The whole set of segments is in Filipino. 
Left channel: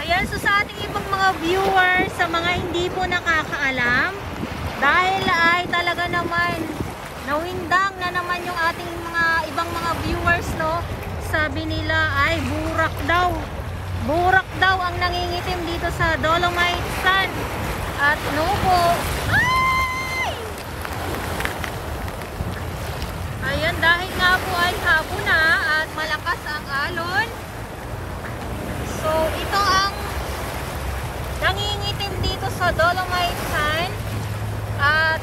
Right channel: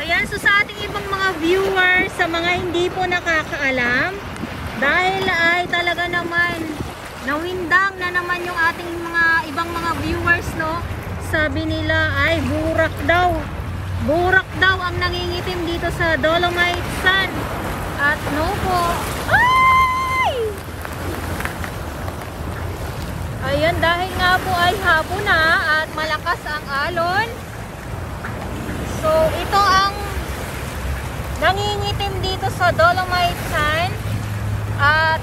Ayan, so sa ating ibang mga viewers, sa mga hindi po nakakaalam, dahil ay talaga naman nawindang na naman yung ating mga ibang mga viewers, no? Sabi nila ay burak daw ang nangingitim dito sa Dolomite Sun. At no po, ay! Ayan, dahil nga po ay hapon na at malakas ang alon. So ito ang nangingitim dito sa Dolomite Sun. At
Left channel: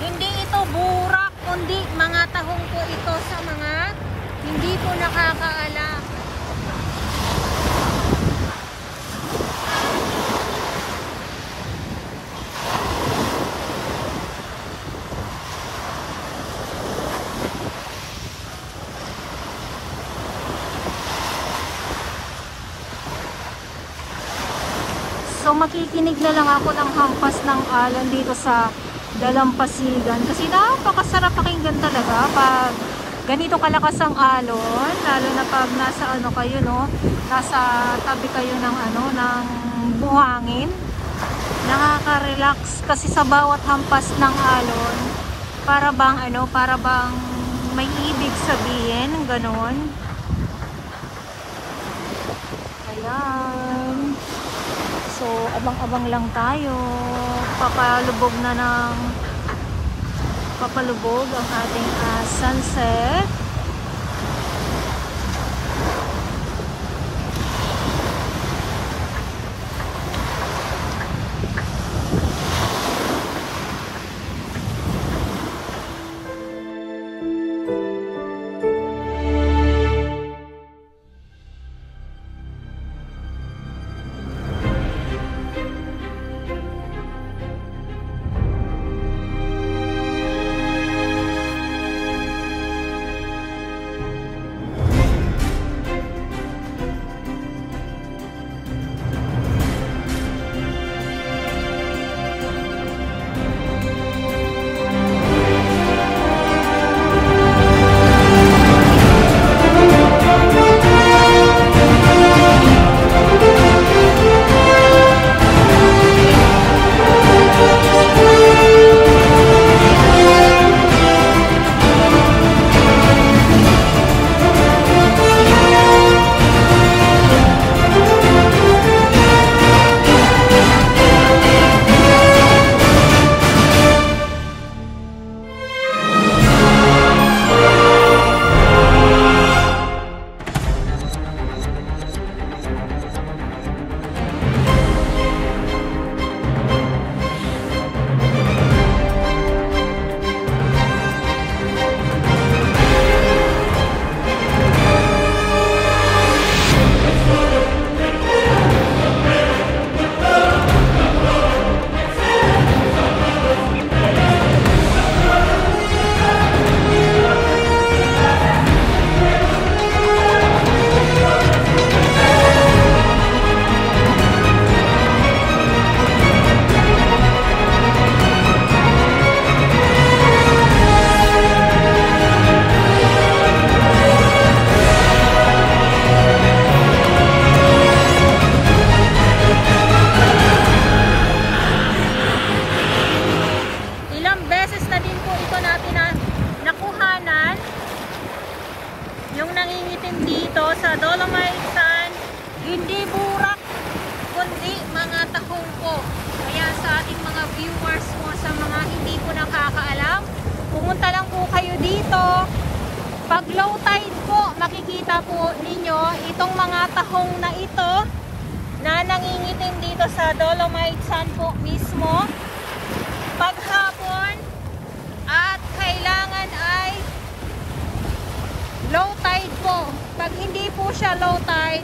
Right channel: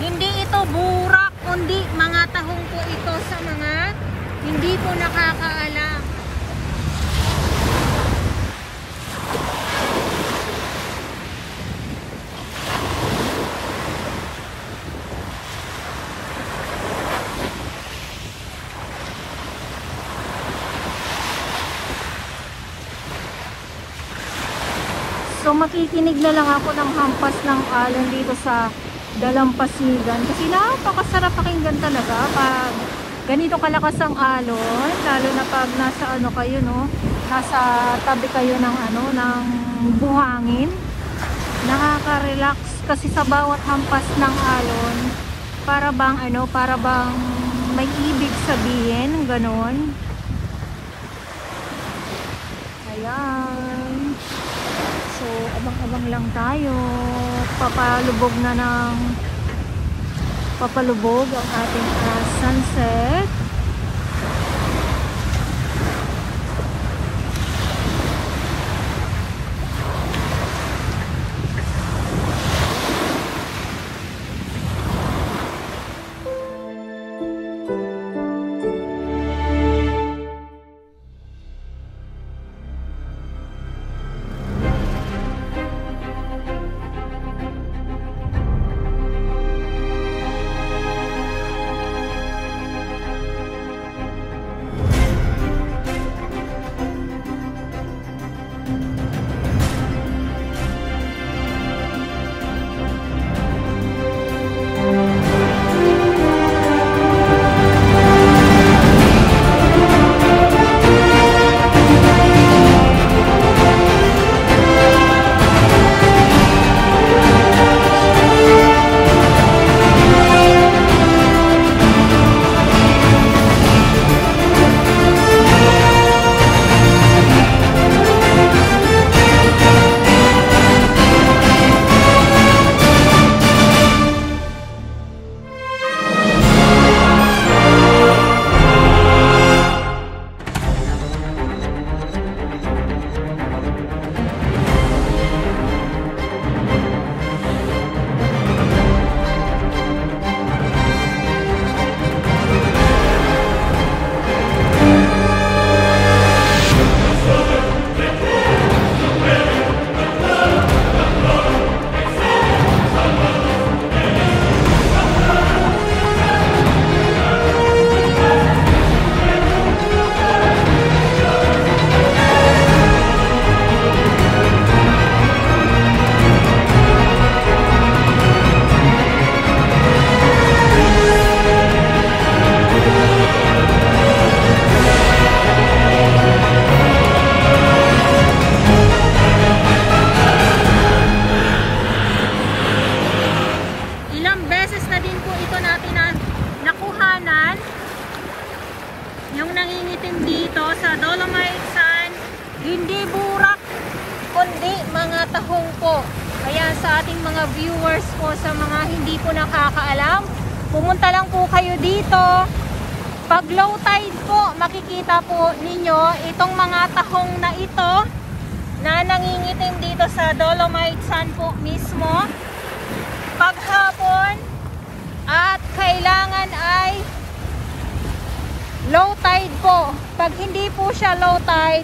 hindi ito burak, kundi mga tahong po ito sa mga hindi po nakakaalam. So makikinig na lang ako ng hampas ng alon dito sa Dalampasigan kasi napakasarap pakinggan talaga pag ganito kalakas ang alon, lalo na pag nasa ano kayo, no, nasa tabi kayo ng ano, ng buhangin. Nakaka-relax kasi sa bawat hampas ng alon para bang may ibig sabihin, ganon. Ayan. So, abang-abang lang tayo. Papalubog ang ating sunset. Yung nangingitim dito sa Dolomite Sun, hindi burak, kundi mga tahong po. Kaya sa ating mga viewers po, sa mga hindi po nakakaalam, pumunta lang po kayo dito. Pag low tide po, makikita po ninyo itong mga tahong na ito na nangingitim dito sa Dolomite Sun po mismo. Pag hapon at kailangan ay low tide po. Pag hindi po siya low tide,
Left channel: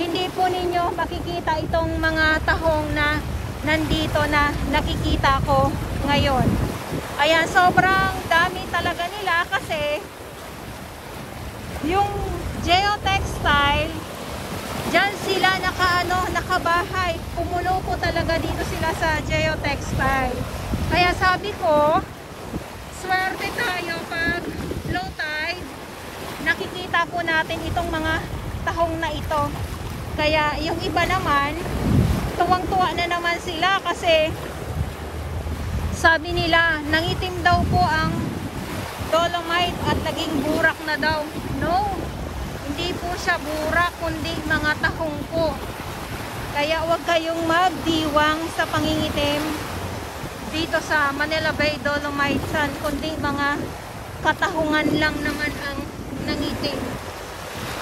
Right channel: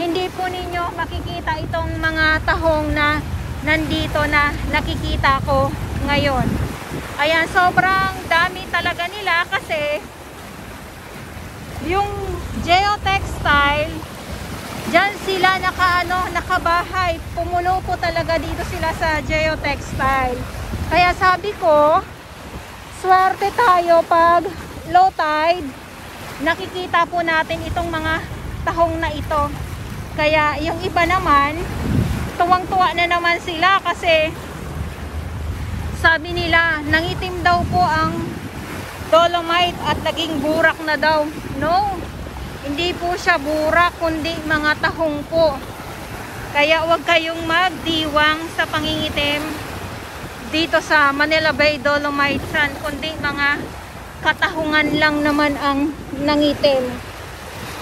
hindi po ninyo makikita itong mga tahong na nandito na nakikita ko ngayon. Ayan, sobrang dami talaga nila kasi yung geotextile, dyan sila nakabahay. Pumulo po talaga dito sila sa geotextile. Kaya sabi ko, swerte tayo pag low tide, nakikita po natin itong mga tahong na ito. Kaya yung iba naman, tuwang-tuwa na naman sila kasi sabi nila, nangitim daw po ang dolomite at naging burak na daw. No, hindi po siya burak, kundi mga tahong po. Kaya huwag kayong magdiwang sa pangingitim dito sa Manila Bay Dolomite Sand, kundi mga katahungan lang naman ang nangitim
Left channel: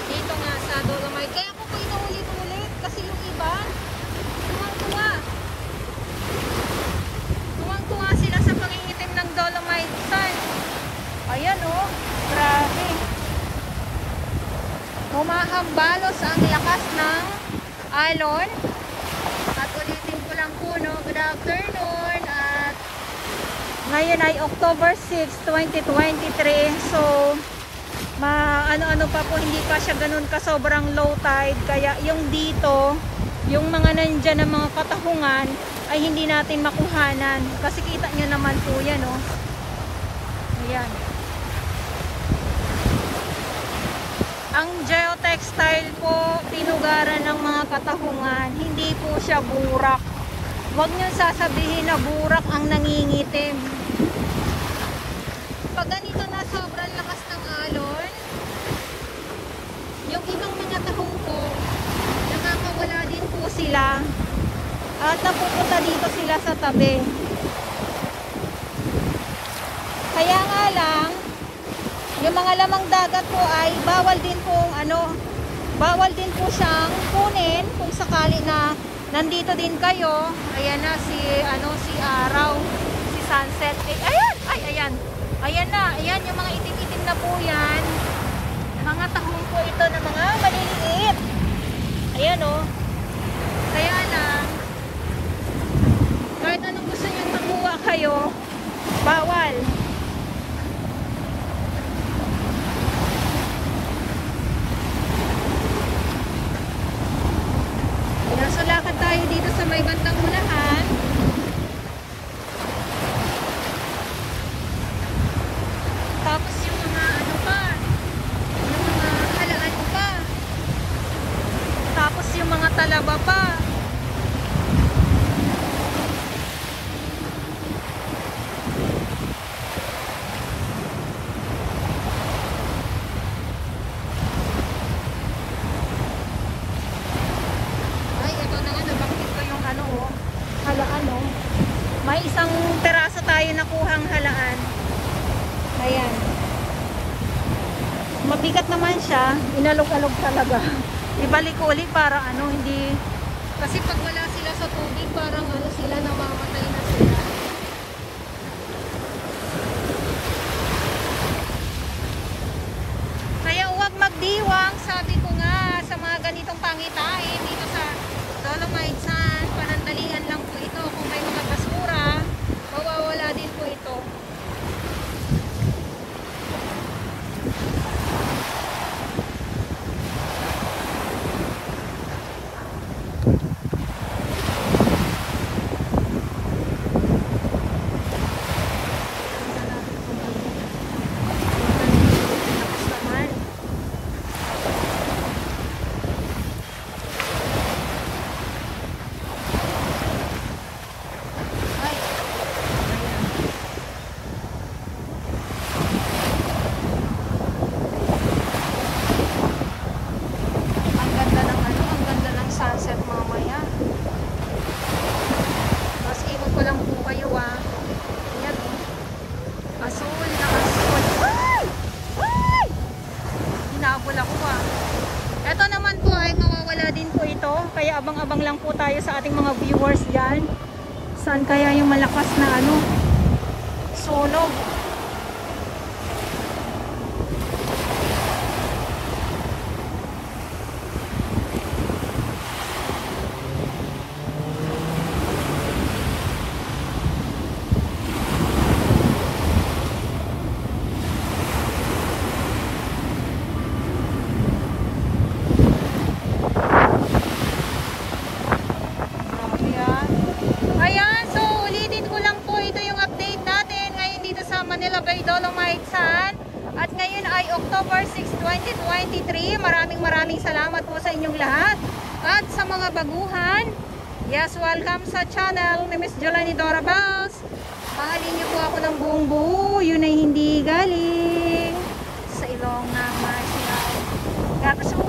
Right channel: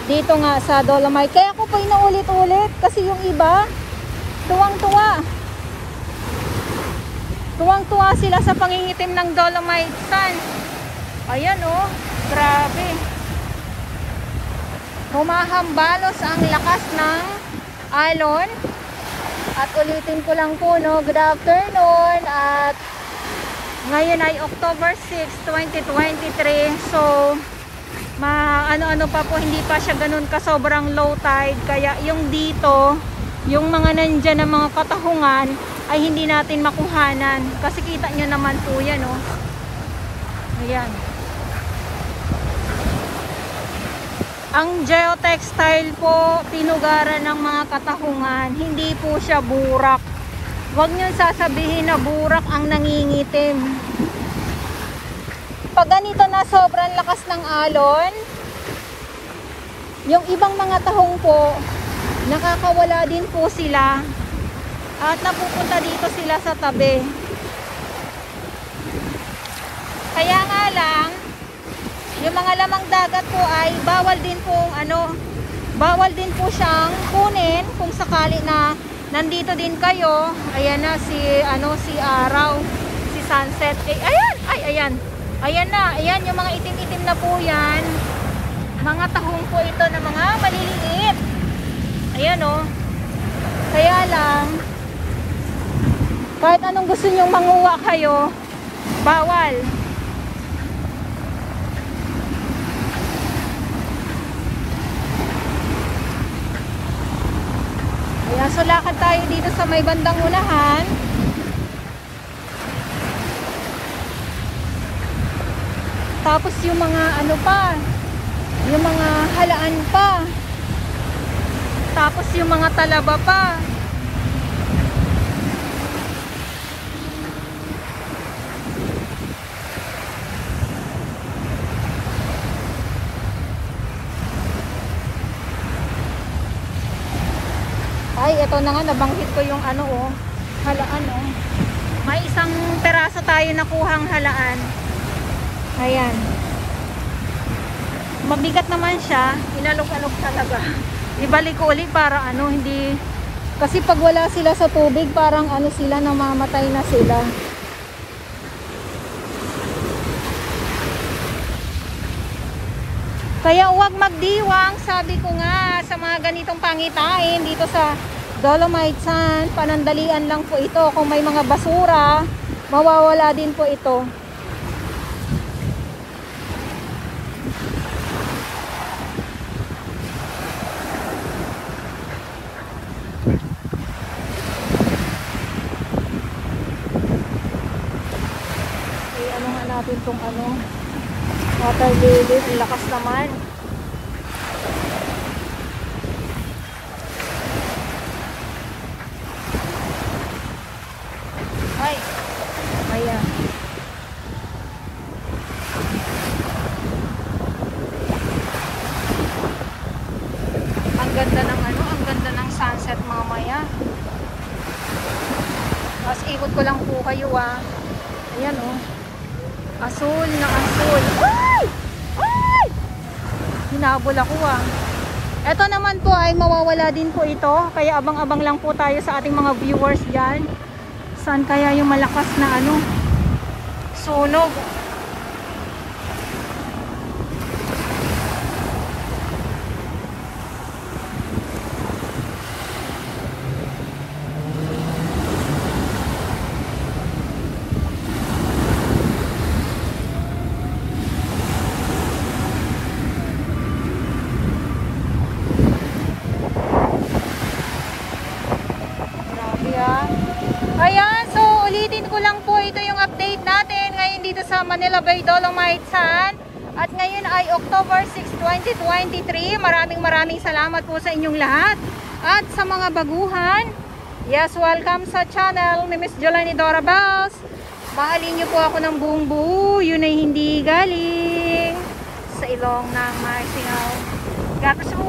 dito nga sa dolomite. Kaya ako pa inuulit-ulit kasi yung iba tuwang-tuwa. Tuwang-tuwa sila sa pangingitim ng dolomite sand. Ayan oh, grabe. Humahambalos ang lakas ng alon. At ulitin ko lang po, no, good afternoon. At ngayon ay October 6, 2023. So, ano-ano pa po, hindi pa siya ganun ka sobrang low tide. Kaya yung dito, yung mga nandyan na mga katahungan ay hindi natin makuhanan. Kasi kita nyo naman po yan, no. Ayan. Ang geotextile po, tinugaran ng mga katahungan. Hindi po siya burak. Huwag nyo sasabihin na burak ang nangingitim. Pag ganito na sobrang lakas ng alon, yung ibang mga tahong po, nakakawala din po sila. At napupunta dito sila sa tabi. Kaya nga lang, yung mga lamang dagat po ay bawal din po siyang kunin kung sakali na nandito din kayo. Ayan na si araw, si sunset. Ayan na, ayan yung mga itim-itim na po yan. Mga tahong po ito na mga maliliit. Ayan oh. Kaya lang, kahit anong gusto nyo manguha kayo, bawal. Ayan, so lakad tayo dito sa may bandang unahan. Tapos yung mga yung mga halaan pa. Tapos yung mga talaba pa. Ay, ito na nga, nabanghit ko yung halaan oh. May isang peraso tayo nakuhang halaan. Ayan. Mabigat naman siya, inalog-alog talaga. Ibalik ko ulit para hindi, kasi pag wala sila sa tubig, parang sila, namamatay na sila. Kaya huwag magdiwang, sabi ko nga, sa mga ganitong pangitain dito sa dolomite sand. Panandalian lang po ito. Kung may mga basura, mawawala din po ito. Ano nga natin itong water lily, lakas naman. Ay, ayan. Ang ganda ng ang ganda ng sunset mamaya. Mas ikot ko lang po kayo Ayan oh. Asul na asul. Ay! Ay! Hinabol ako Ito naman po ay mawawala din po ito. Kaya abang-abang lang po tayo sa ating mga viewers dyan. Saan kaya yung malakas na sunog? Ayan, so ulitin ko lang po, ito yung update natin ngayon dito sa Manila Bay Dolomite Sand. At ngayon ay October 6, 2023. Maraming salamat po sa inyong lahat. At sa mga baguhan, yes, welcome sa channel ni Miss Jelani Dora Bells. Mahalin niyo po ako ng buong buo. Yun ay hindi galing sa ilong ng Marcinao. Gatas mo